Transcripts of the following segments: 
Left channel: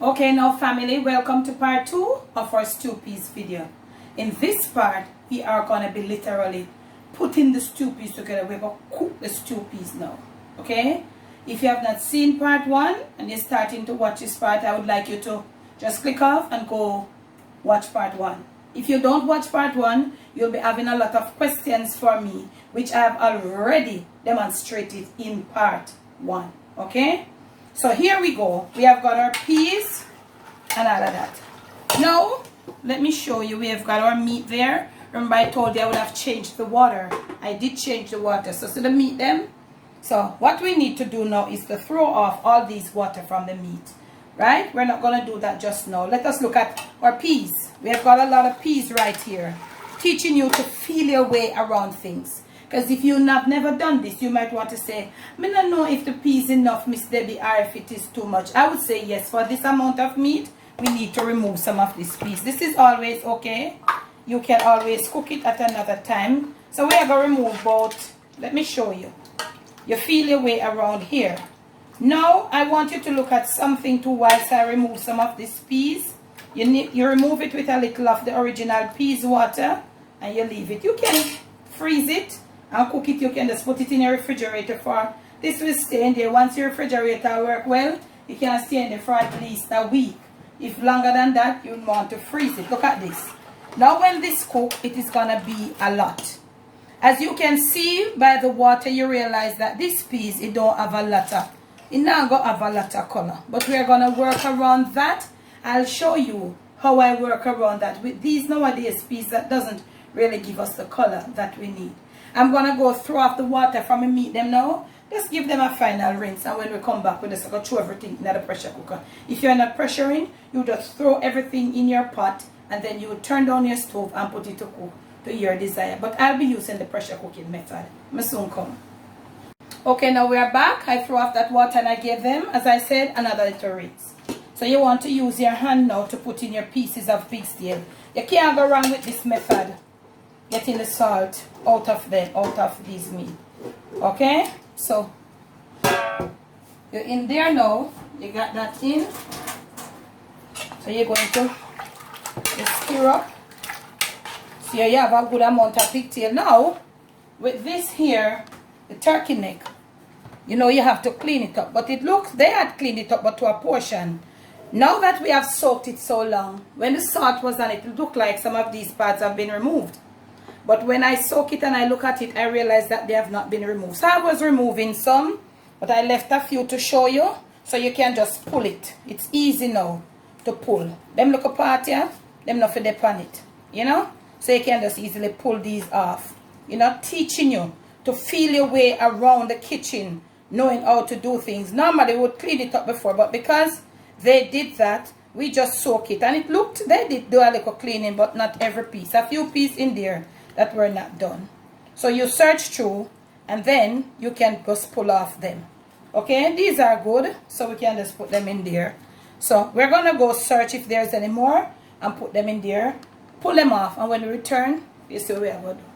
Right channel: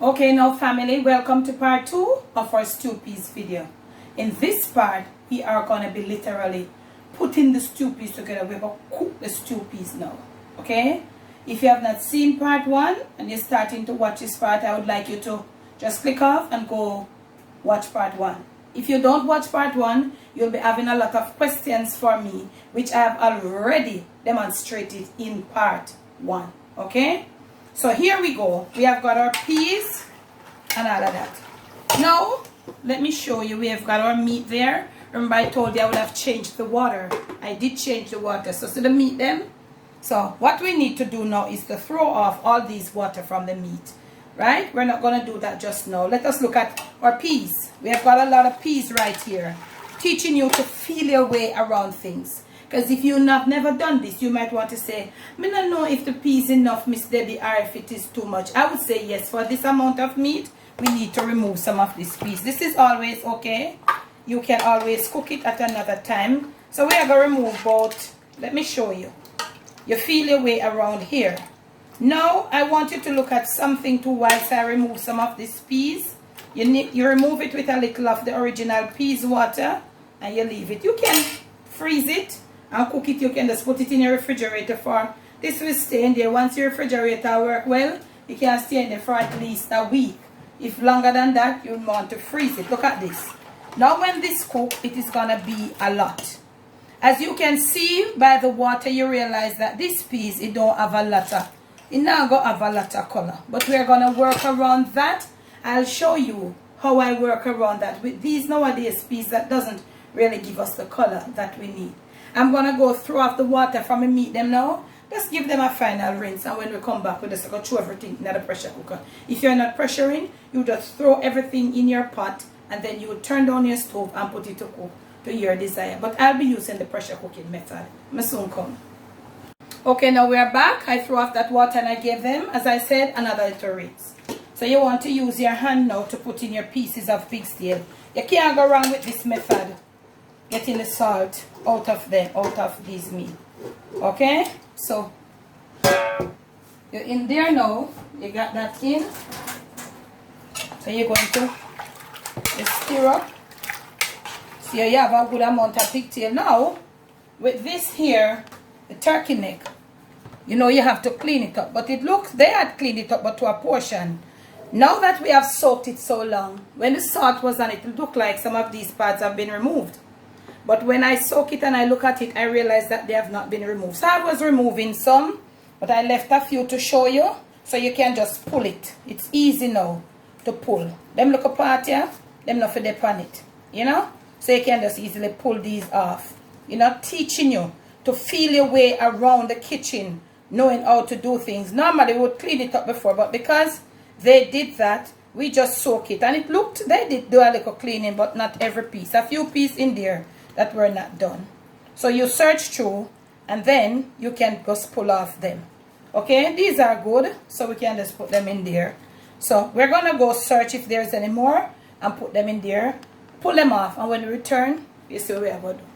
Okay, now family, welcome to part 2 of our stew peas video. In this part, we are going to be literally putting the stew peas together. We're going to cook the stew peas now. Okay? If you have not seen part 1 and you're starting to watch this part, I would like you to just click off and go watch part 1. If you don't watch part 1, you'll be having a lot of questions for me, which I have already demonstrated in part 1. Okay? So here we go. We have got our peas and all of that. Now, let me show you. We have got our meat there. Remember I told you I would have changed the water. I did change the water. So see the meat them? So what we need to do now is to throw off all these water from the meat. Right? We're not going to do that just now. Let us look at our peas. We have got a lot of peas right here. Teaching you to feel your way around things. Because if you have never done this, you might want to say, I don't know if the peas enough, Miss Debbie, or if it is too much. I would say yes, for this amount of meat, we need to remove some of this peas. This is always okay. You can always cook it at another time. So we are going to remove both. Let me show you. You feel your way around here. Now, I want you to look at something too whilst I remove some of these peas. You remove it with a little of the original peas water and you leave it. You can freeze it and cook it. You can just put it in your refrigerator for this will stay in there. Once your refrigerator work well, it can stay in there for at least a week. If longer than that, you want to freeze it. Look at this. Now when this cook, it is gonna be a lot. As you can see by the water, you realize that this piece, it don't have a lot of, it now go have a lot of color. But we are gonna work around that. I'll show you how I work around that. With these nowadays peas that doesn't really give us the color that we need. I'm going to go throw off the water from the meat them now. Just give them a final rinse. And when we come back, we're just going to throw everything in the pressure cooker. If you're not pressuring, you just throw everything in your pot. And then you turn down your stove and put it to cook to your desire. But I'll be using the pressure cooking method. I soon come. Okay, now we're back. I threw off that water and I gave them, as I said, another little rinse. So you want to use your hand now to put in your pieces of pig's tail. You can't go wrong with this method. Getting the salt out of these meat. Okay? So you're in there now. You got that in. So you're going to stir up. So you have a good amount of pigtail. Now, with this here, the turkey neck, you know you have to clean it up. But it looks, they had cleaned it up, but to a portion. Now that we have soaked it so long, when the salt was on it, it looked like some of these parts have been removed. But when I soak it and I look at it, I realize that they have not been removed. So I was removing some, but I left a few to show you. So you can just pull it. It's easy now to pull. Them look apart here, them not for dip on it. You know? So you can just easily pull these off. You know, teaching you to feel your way around the kitchen, knowing how to do things. Normally we would clean it up before, but because they did that, we just soak it. And it looked, they did do a little cleaning, but not every piece. A few pieces in there that were not done. So you search through and then you can just pull off them. Okay, these are good, so we can just put them in there. So we're gonna go search if there's any more and put them in there, pull them off, and when we return, you see what we are going to do.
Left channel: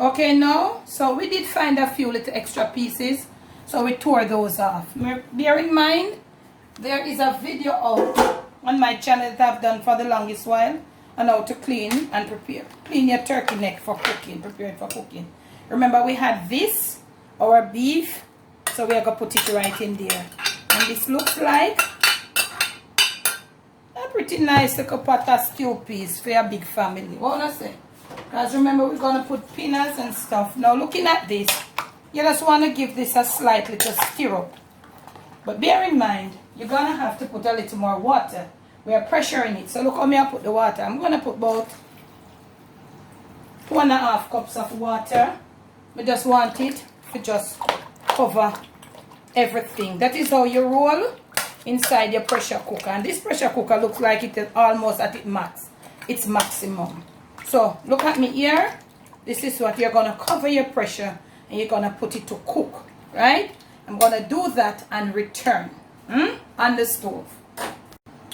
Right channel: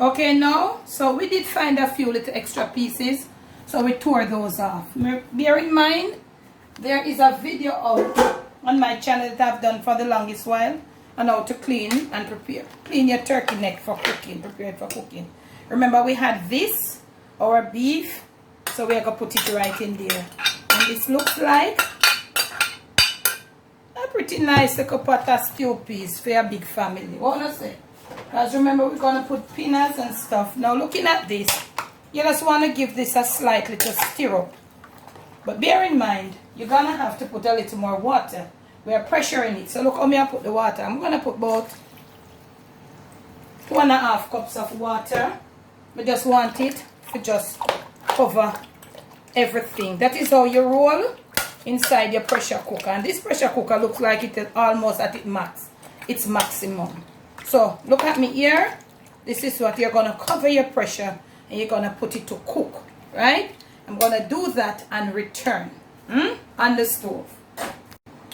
Okay, now, so we did find a few little extra pieces, so we tore those off. Bear in mind, there is a video out on my channel that I've done for the longest while on how to clean and prepare. Clean your turkey neck for cooking, prepare it for cooking. Remember we had this, our beef, so we're going to put it right in there. And this looks like a pretty nice little pot of stew peas for a big family. What I say? Because remember we're going to put peanuts and stuff. Now looking at this, you just want to give this a slight little stir up. But bear in mind, you're going to have to put a little more water. We are pressuring it. So look how I put the water. I'm going to put about 2.5 cups of water. We just want it to just cover everything. That is how you roll inside your pressure cooker. And this pressure cooker looks like it is almost at its max. Its maximum. So look at me here. This is what you're going to cover your pressure and you're going to put it to cook. Right? I'm going to do that and return on the stove.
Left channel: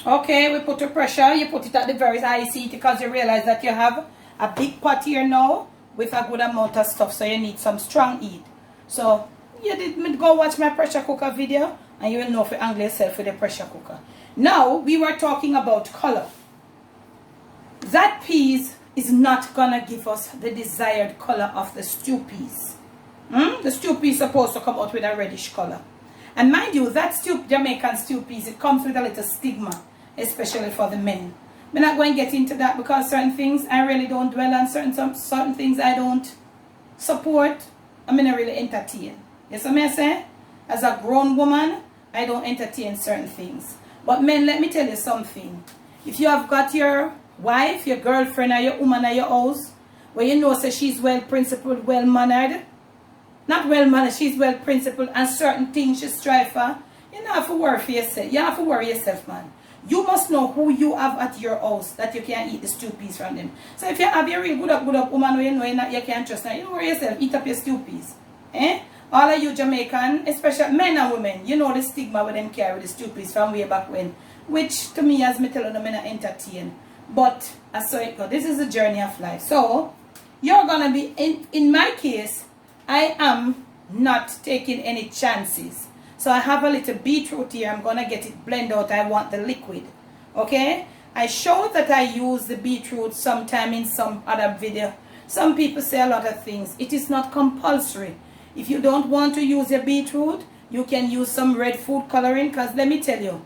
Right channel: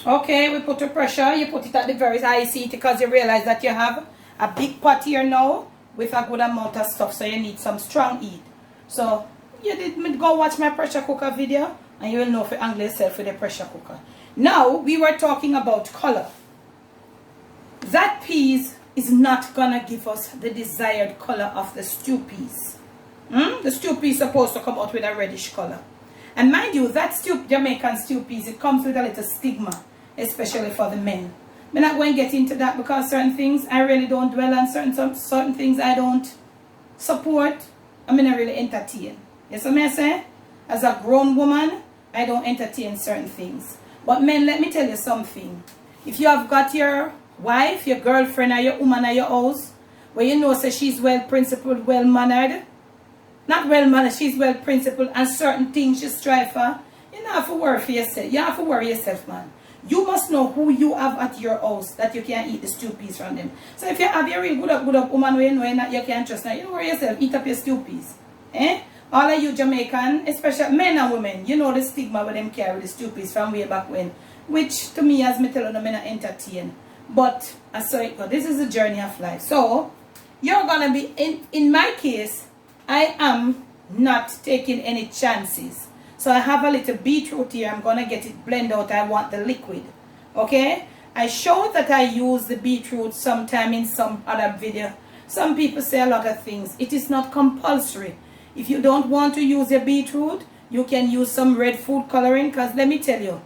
Okay, we put the pressure. You put it at the very high heat because you realize that you have a big pot here now with a good amount of stuff. So you need some strong heat. So you did go watch my pressure cooker video and you will know if you angle yourself with the pressure cooker. Now, we were talking about color. That peas is not gonna give us the desired color of the stew peas. The stew peas is supposed to come out with a reddish color. And mind you, that Jamaican stew peas, it comes with a little stigma, especially for the men. I'm not going to get into that because certain things I really don't dwell on, certain things I don't support, I'm not really entertain. Yes, what I say? As a grown woman, I don't entertain certain things. But men, let me tell you something. If you have got your wife, your girlfriend, or your woman at your house, where you know so she's well principled, well mannered, not well mannered, she's well principled, and certain things she strive for, you don't have to worry for yourself. You don't have to worry yourself, man. You must know who you have at your house that you can eat the stew peas from them. So if you have your real good up woman where you know you can't trust now, you don't worry yourself, eat up your stew peas. Eh? All of you Jamaican, especially men and women, you know the stigma with them carry the stew peas from way back when. Which to me, as me tell you, I'm not entertain. But I saw it go. This is the journey of life. So you're gonna be in my case, I am not taking any chances. So I have a little beetroot here. I'm going to get it blended out. I want the liquid. Okay? I showed that I use the beetroot sometime in some other video. Some people say a lot of things. It is not compulsory. If you don't want to use your beetroot, you can use some red food coloring. Because let me tell you,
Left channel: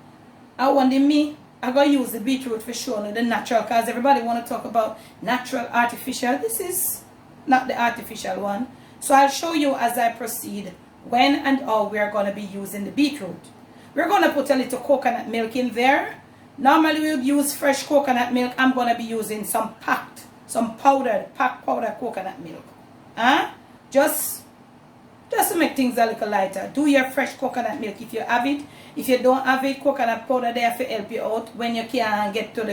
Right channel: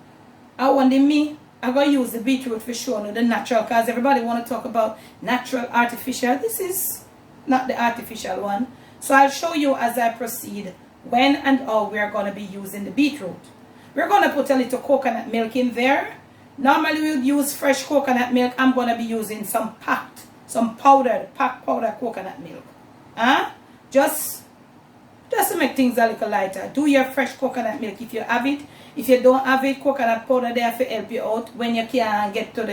I'm going to use the beetroot for sure. The natural. Because everybody want to talk about natural, artificial. This is not the artificial one. So I'll show you as I proceed when and how we are going to be using the beetroot. We're going to put a little coconut milk in there. Normally we'll use fresh coconut milk. I'm going to be using some packed powdered coconut milk. Just to make things a little lighter. Do your fresh coconut milk if you have it. If you don't have it, coconut powder there to help you out when you can't get to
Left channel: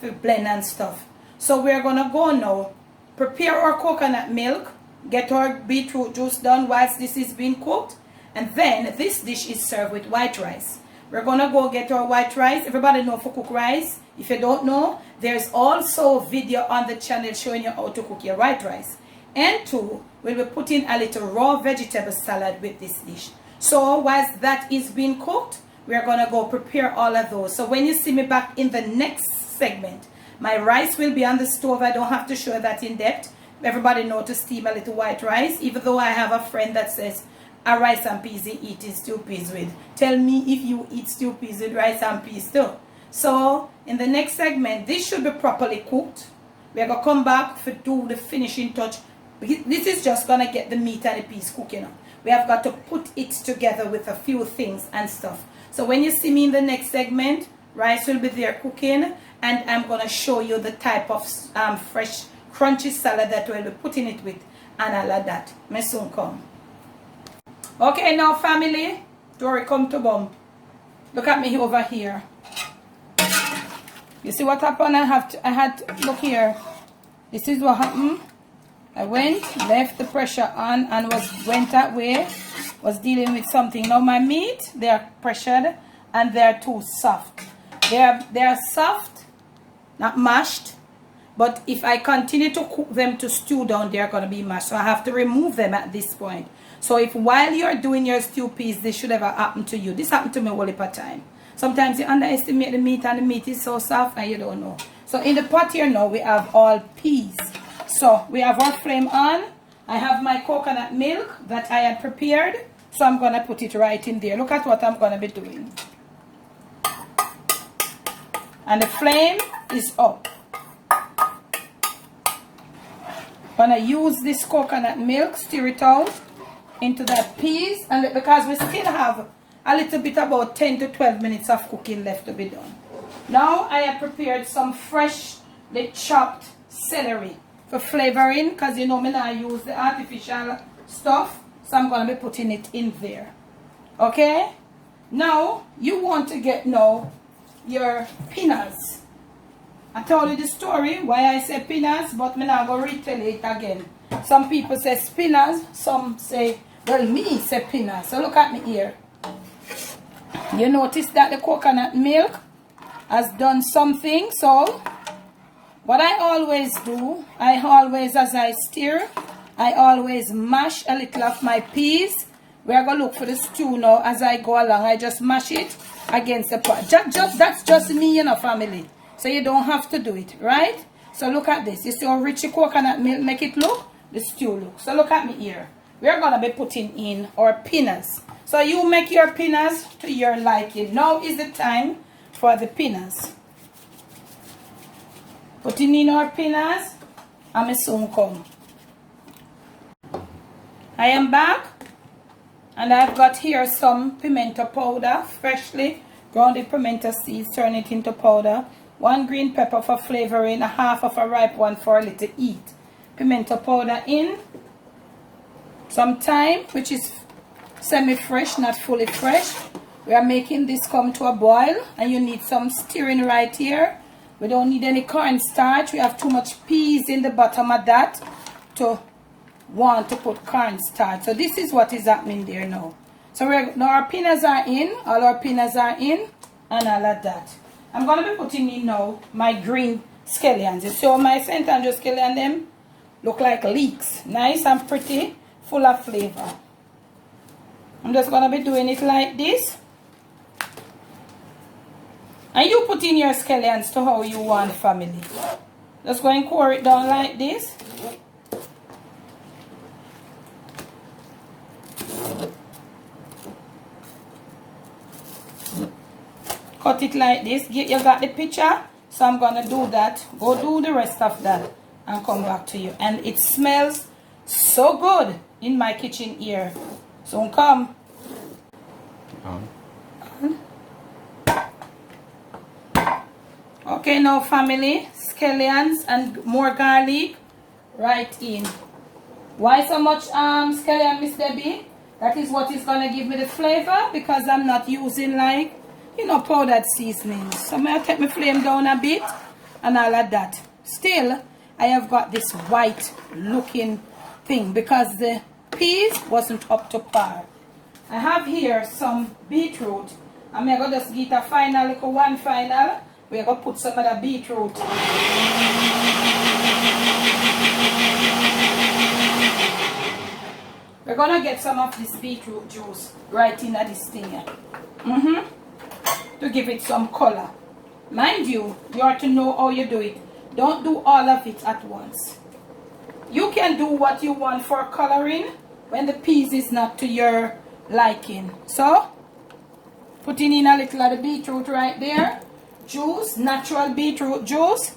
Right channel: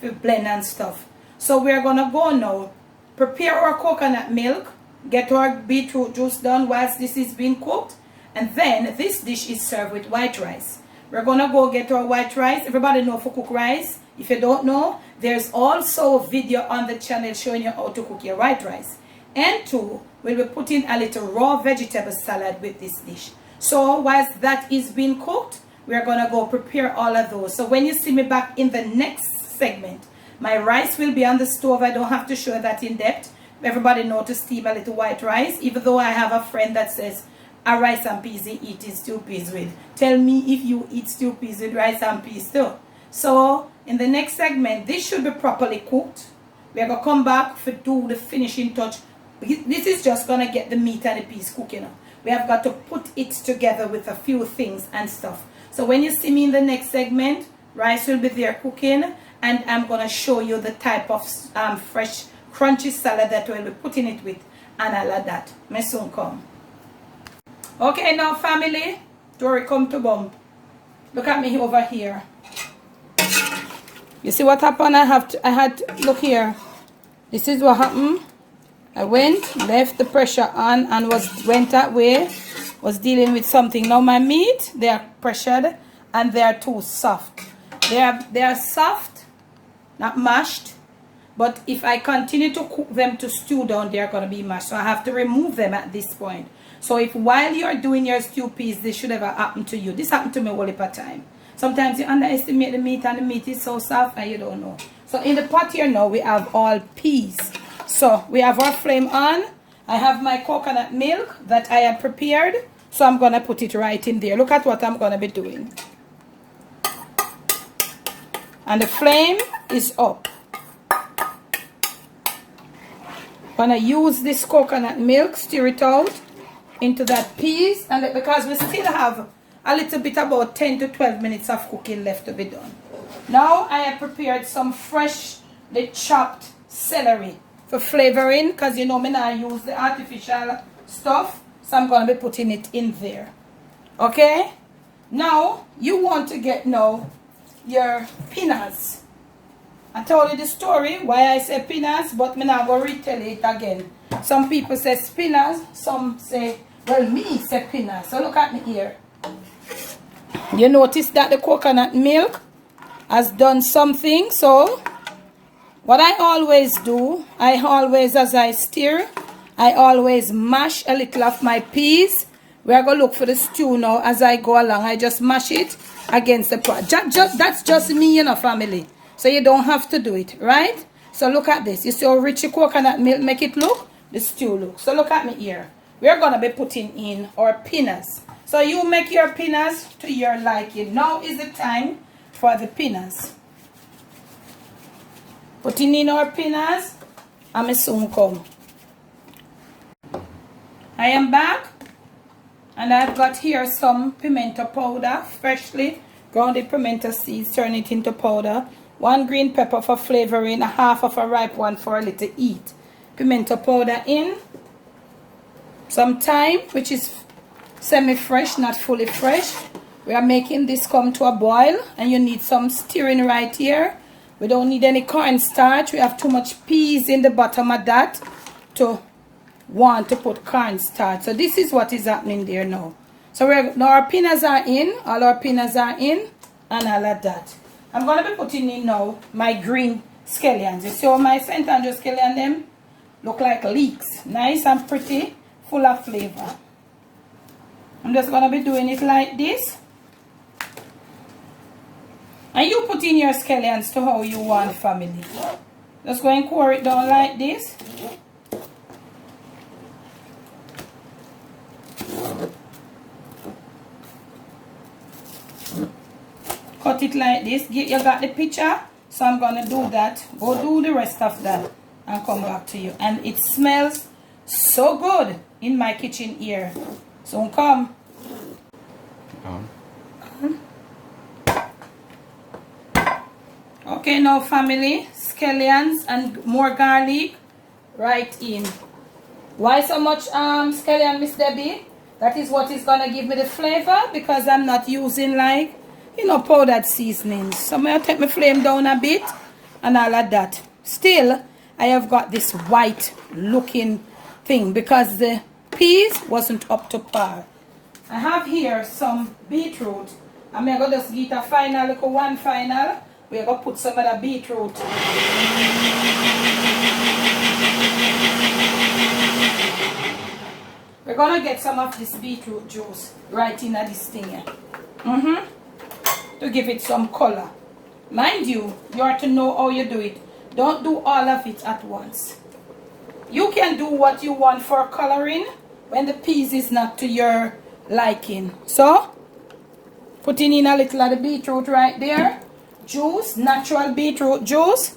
the blend and stuff. So we're going to go now. Prepare our coconut milk. Get our beetroot juice done whilst this is being cooked. And then this dish is served with white rice. We're going to go get our white rice. Everybody know how to cook rice. If you don't know, there's also a video on the channel showing you how to cook your white rice. And two, we'll be putting a little raw vegetable salad with this dish. So whilst that is being cooked, we're going to go prepare all of those. So when you see me back in the next segment, my rice will be on the stove. I don't have to show that in depth. Everybody know to steam a little white rice. Even though I have a friend that says, a rice and peas he eats stew peas with. Tell me if you eat stew peas with rice and peas too. So, in the next segment, this should be properly cooked. We're going to come back to do the finishing touch. This is just going to get the meat and the peas cooking up. We have got to put it together with a few things and stuff. So, when you see me in the next segment, rice will be there cooking. And I'm going to show you the type of fresh crunchy salad that we'll be putting it with and all of that. May soon come. Okay, now family, Dory come to bump. Look at me over here. You see what happened? Look here. This is what happened. I left the pressure on and went that way. Was dealing with something. Now my meat, they are pressured and they are too soft. They are soft, not mashed. But if I continue to cook them to stew down, they're going to be mashed. So I have to remove them at this point. So if while you're doing your stew peas, this should ever happen to you. This happened to me all the time. Sometimes you underestimate the meat and the meat is so soft and you don't know. So in the pot here now, we have all peas. So we have our flame on. I have my coconut milk that I had prepared. So I'm going to put it right in there. Look at what I'm going to be doing. And the flame is up. Gonna use this coconut milk, stir it out into that peas, and because we still have a little bit, about 10 to 12 minutes of cooking left to be done. Now I have prepared some freshly chopped celery for flavoring, because you know me now use the artificial stuff, so I'm gonna be putting it in there. Okay, now you want to get now your peanuts. I told you the story why I say peanuts, but I'm not going to retell it again. Some people say spinners, some say, well, me say peanuts. So look at me here. You notice that the coconut milk has done something. So what I always do, as I stir, I always mash a little of my peas We are going to look for the stew now as I go along. I just mash it against the pot. That's just me, you know, family. So you don't have to do it, right? So look at this. You see how rich the coconut milk make it look? The stew look. So look at me here. We're going to be putting in our peanuts. So you make your peanuts to your liking. Now is the time for the peanuts. Putting in our peanuts. And I soon come. I am back. And I've got here some pimento powder. Freshly grounded pimento seeds. Turn it into powder. 1 green pepper for flavoring. 1/2 of a ripe one for a little heat. Pimento powder in. Some thyme, which is semi-fresh, not fully fresh. We are making this come to a boil. And you need some stirring right here. We don't need any cornstarch. We have too much peas in the bottom of that to want to put cornstarch. So this is what is happening there now. So now our peanuts are in. All our peanuts are in. And all of that. I'm going to be putting in now my green scallions. You see how my St. Andrew scallion them look like leeks. Nice and pretty. Full of flavor. I'm just going to be doing it like this. And you put in your scallions to how you want, family. Just go and pour it down like this. Cut it like this. You got the picture? So I'm going to do that. Go do the rest of that and come back to you. And it smells so good in my kitchen here. So come. Okay, now family, scallions and more garlic right in. Why so much scallion, Miss Debbie? That is what is going to give me the flavor because I'm not using like, you know, powdered seasonings. So I'm going to take my flame down a bit and all of that. Still, I have got this white looking thing because the peas wasn't up to par. I have here some beetroot. I'm going to just get a final, like one final. We're going to put some of the beetroot. We're going to get some of this beetroot juice right in this thing here. To give it some color. Mind you, you have to know how you do it. Don't do all of it at once. You can do what you want for coloring when the peas is not to your liking. So, putting in a little of the beetroot right there. Juice, natural beetroot juice.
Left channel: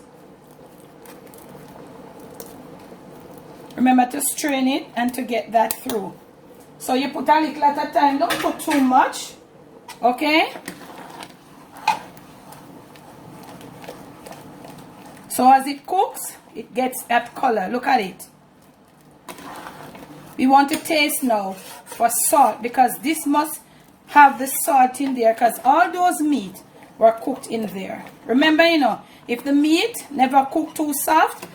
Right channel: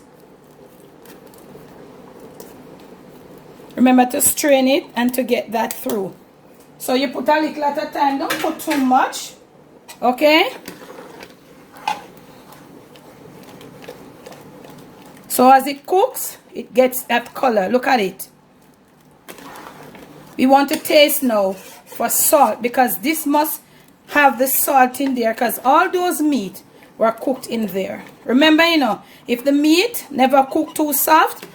Remember to strain it and to get that through. So you put a little at a time. Don't put too much. Okay? So as it cooks, it gets that color. Look at it. We want to taste now for salt because this must have the salt in there because all those meat were cooked in there. Remember, you know, if the meat never cooked too soft,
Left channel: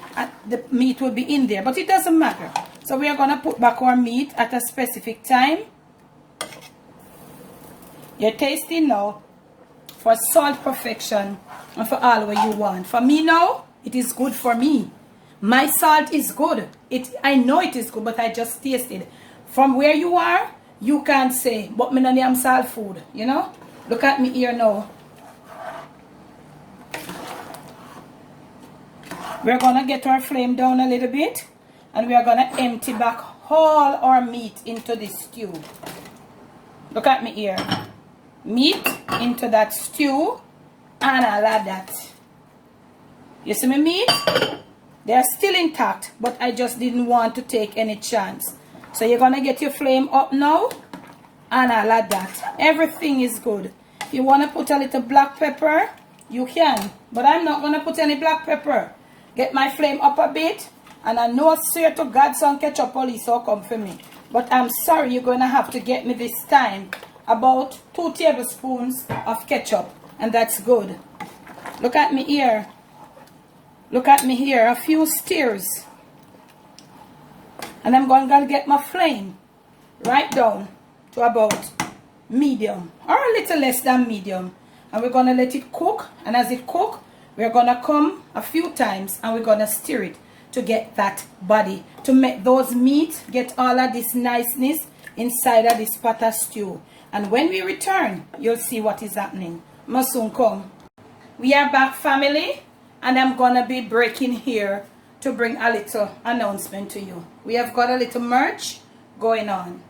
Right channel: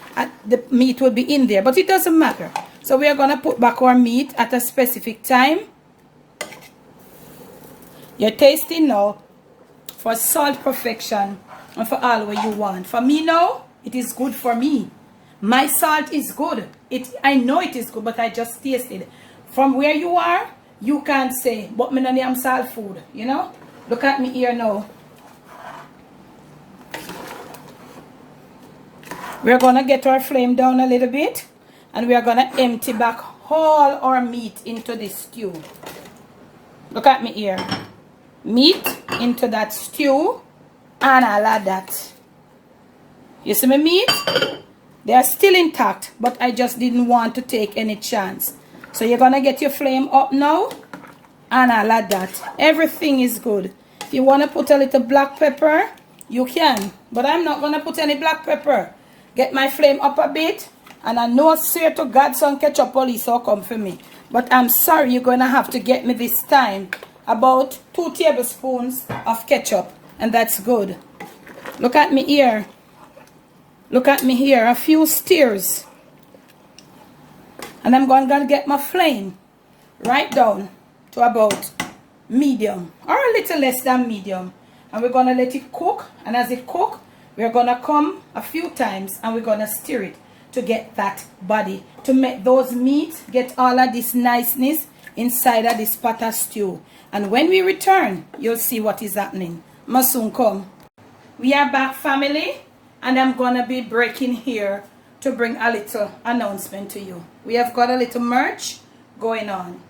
the meat will be in there. But it doesn't matter. So we are going to put back our meat at a specific time. You're tasting now for salt perfection and for all what you want. For me now, it is good for me. My salt is good. I know it is good, but I just tasted. From where you are, you can't say, but me no name salt food, you know? Look at me here now. We're going to get our flame down a little bit. And we are going to empty back all our meat into this stew. Look at me here. Meat into that stew. And all of that. You see my meat? They are still intact. But I just didn't want to take any chance. So you're going to get your flame up now. And all of that. Everything is good. If you want to put a little black pepper, you can. But I'm not going to put any black pepper. Get my flame up a bit. And I know, swear to God, some ketchup police will come for me. But I'm sorry, you're going to have to get me this time about 2 tablespoons of ketchup. And that's good. Look at me here. Look at me here. A few stirrs. And I'm going to get my flame right down to about medium. Or a little less than medium. And we're going to let it cook. And as it cooks, we're going to come a few times and we're going to stir it to get that body. To make those meat get all of this niceness inside of this pot of stew. And when we return, you'll see what is happening. Must soon come. We are back, family, and I'm gonna be breaking here to bring a little announcement to you. We have got a little merch going on.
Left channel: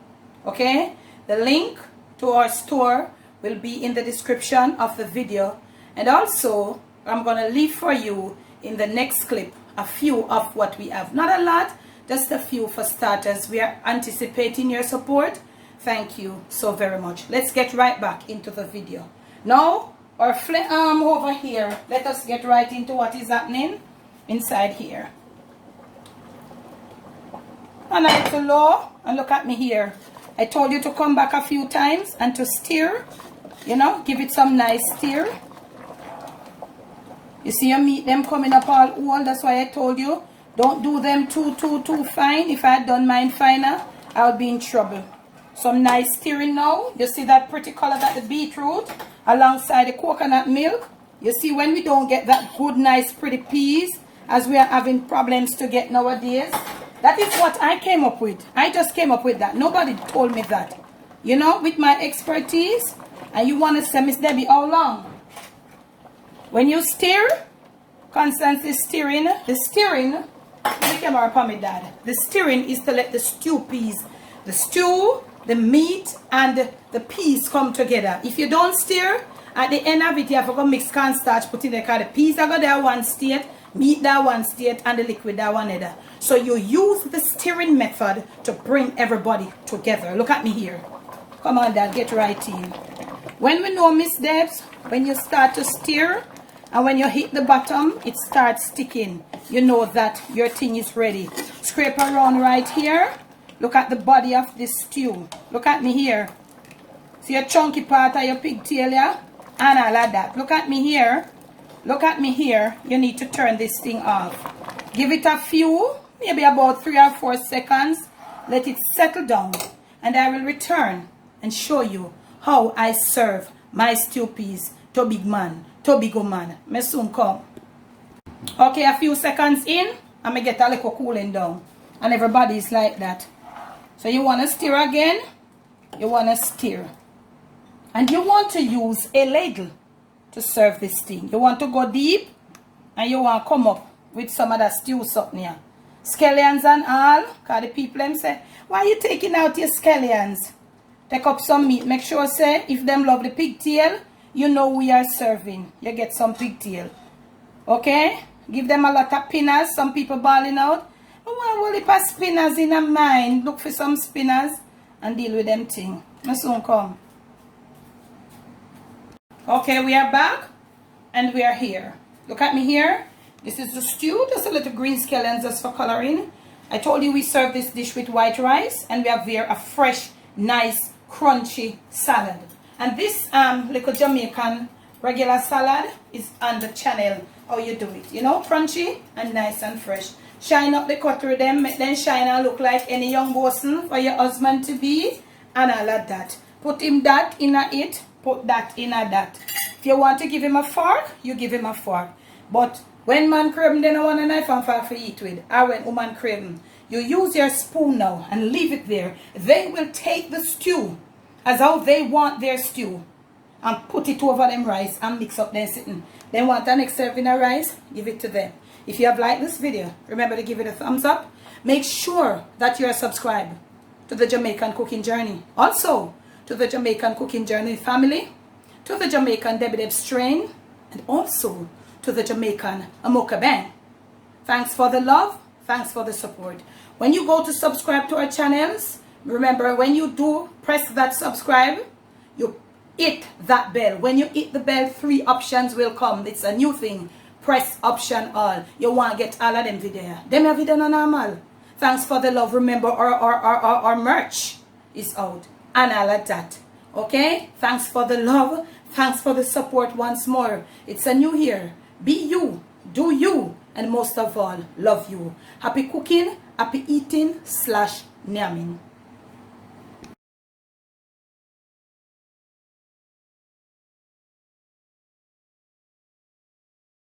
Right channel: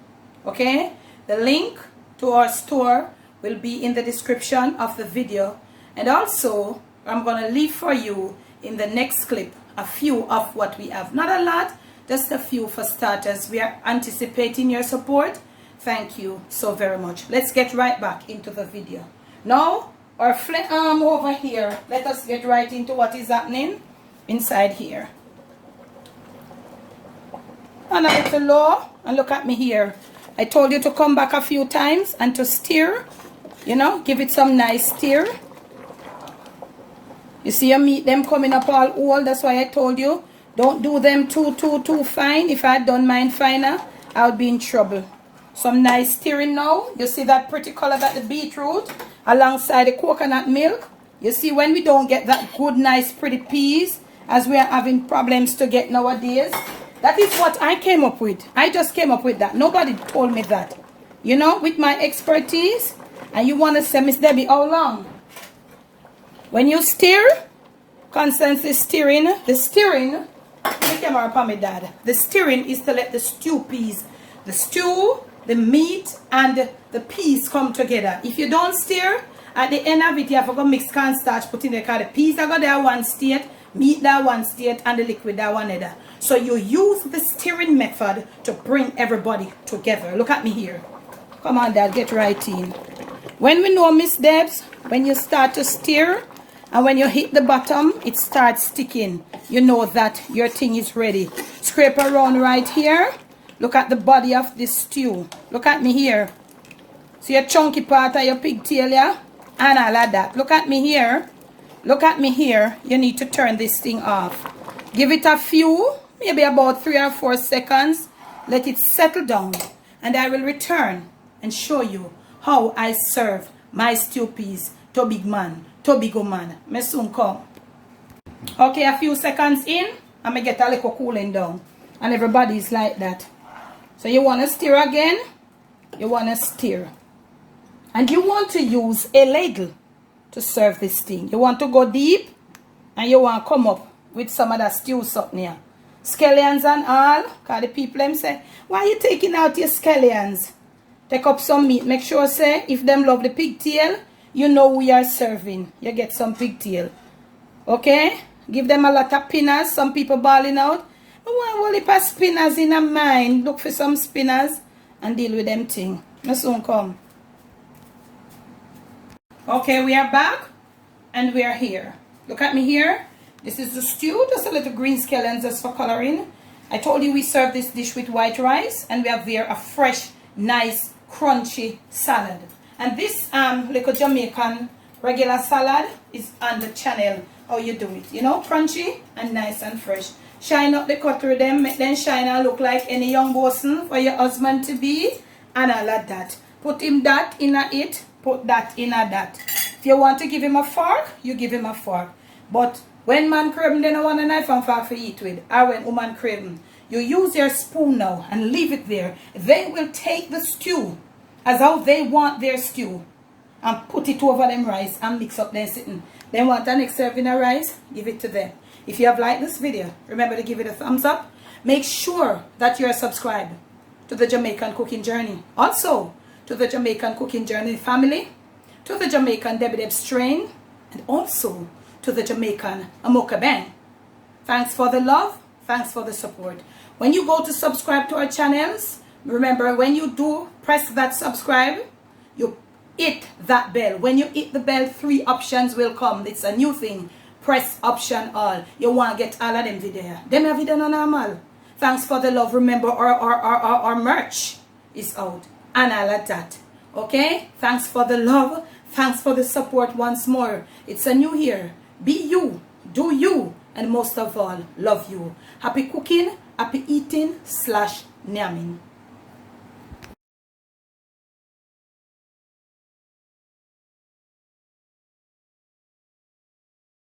Okay? The link to our store will be in the description of the video, and also I'm gonna leave for you in the next clip a few of what we have. Not a lot, just a few for starters. We are anticipating your support. Thank you so very much. Let's get right back into the video. Now, our flame arm over here, let us get right into what is happening inside here. And a little low, and look at me here. I told you to come back a few times and to stir, you know, give it some nice stir. You see your meat them coming up all old. That's why I told you don't do them too fine. If I had done mine finer, I would be in trouble. Some nice stirring now. You see that pretty color that the beetroot alongside the coconut milk. You see when we don't get that good nice pretty peas as we are having problems to get nowadays. That is what I came up with. I just came up with that. Nobody told me that. You know, with my expertise. And you want to say, Miss Debbie, how long? When you stir, constantly stirring, the stirring, let me come up on my dad. The stirring is to let the stew peas, the stew, the meat, and the peas come together. If you don't stir, at the end of it, you have to go mix cornstarch, put in the car. The peas are going there one state, meat that one state, and the liquid that one other. So you use the stirring method to bring everybody together. Look at me here. Come on, Dad, get right in. When we know, Miss Debs, when you start to stir, and when you hit the bottom, it starts sticking. You know that your thing is ready. Scrape around right here. Look at the body of this stew. Look at me here. See your chunky part of your pigtail, yeah? And all of that. Look at me here. Look at me here. You need to turn this thing off. Give it a few, maybe about 3 or 4 seconds. Let it settle down. And I will return and show you how I serve my stew peas to big man, to big man. Me soon come. Okay, a few seconds in, and me get a little cooling down. And everybody's like that. So you want to stir again. You want to stir. And you want to use a ladle to serve this thing. You want to go deep, and you want to come up with some of that stew something here. Scallions and all. Because the people them say, why are you taking out your scallions? Take up some meat. Make sure, say, if them love the pigtail, you know we are serving. You get some pigtail. Okay? Give them a lot of spinners. Some people balling out. I want a heap of spinners in a mine. Look for some spinners and deal with them thing. I soon come. Okay, we are back and we are here. Look at me here. This is the stew. Just a little green scallions just for coloring. I told you we serve this dish with white rice, and we have there a fresh, nice, crunchy salad. And this little Jamaican regular salad is on the channel. How you do it, you know, crunchy and nice and fresh. Shine up the cutlery them, make them shine and look like any young bosun for your husband to be, and all of that. Put him that in a it, put that in a that. If you want to give him a fork, you give him a fork. But when man crave, they don't want a knife and fork to eat with. Or when woman crave, you use your spoon now and leave it there. They will take the stew as how they want their stew and put it over them rice and mix up them sitting. Then want the next serving of rice, give it to them. If you have liked this video, remember to give it a thumbs up. Make sure that you are subscribed to the Jamaican Cooking Journey. Also, to the Jamaican Cooking Journey Family, to the Jamaican Debbie Deb Strain, and also to the Jamaican Amoka Bang. Thanks for the love. Thanks for the support. When you go to subscribe to our channels, remember when you do press that subscribe, you hit that bell. When you hit the bell, 3 options will come. It's a new thing. Press option all. You want to get all of them video. Them have video no normal. Thanks for the love. Remember our merch is out. And all of that. Okay? Thanks for the love. Thanks for the support once more. It's a new year. Be you. Do you. And most of all, love you. Happy cooking. Happy eating / nyamming.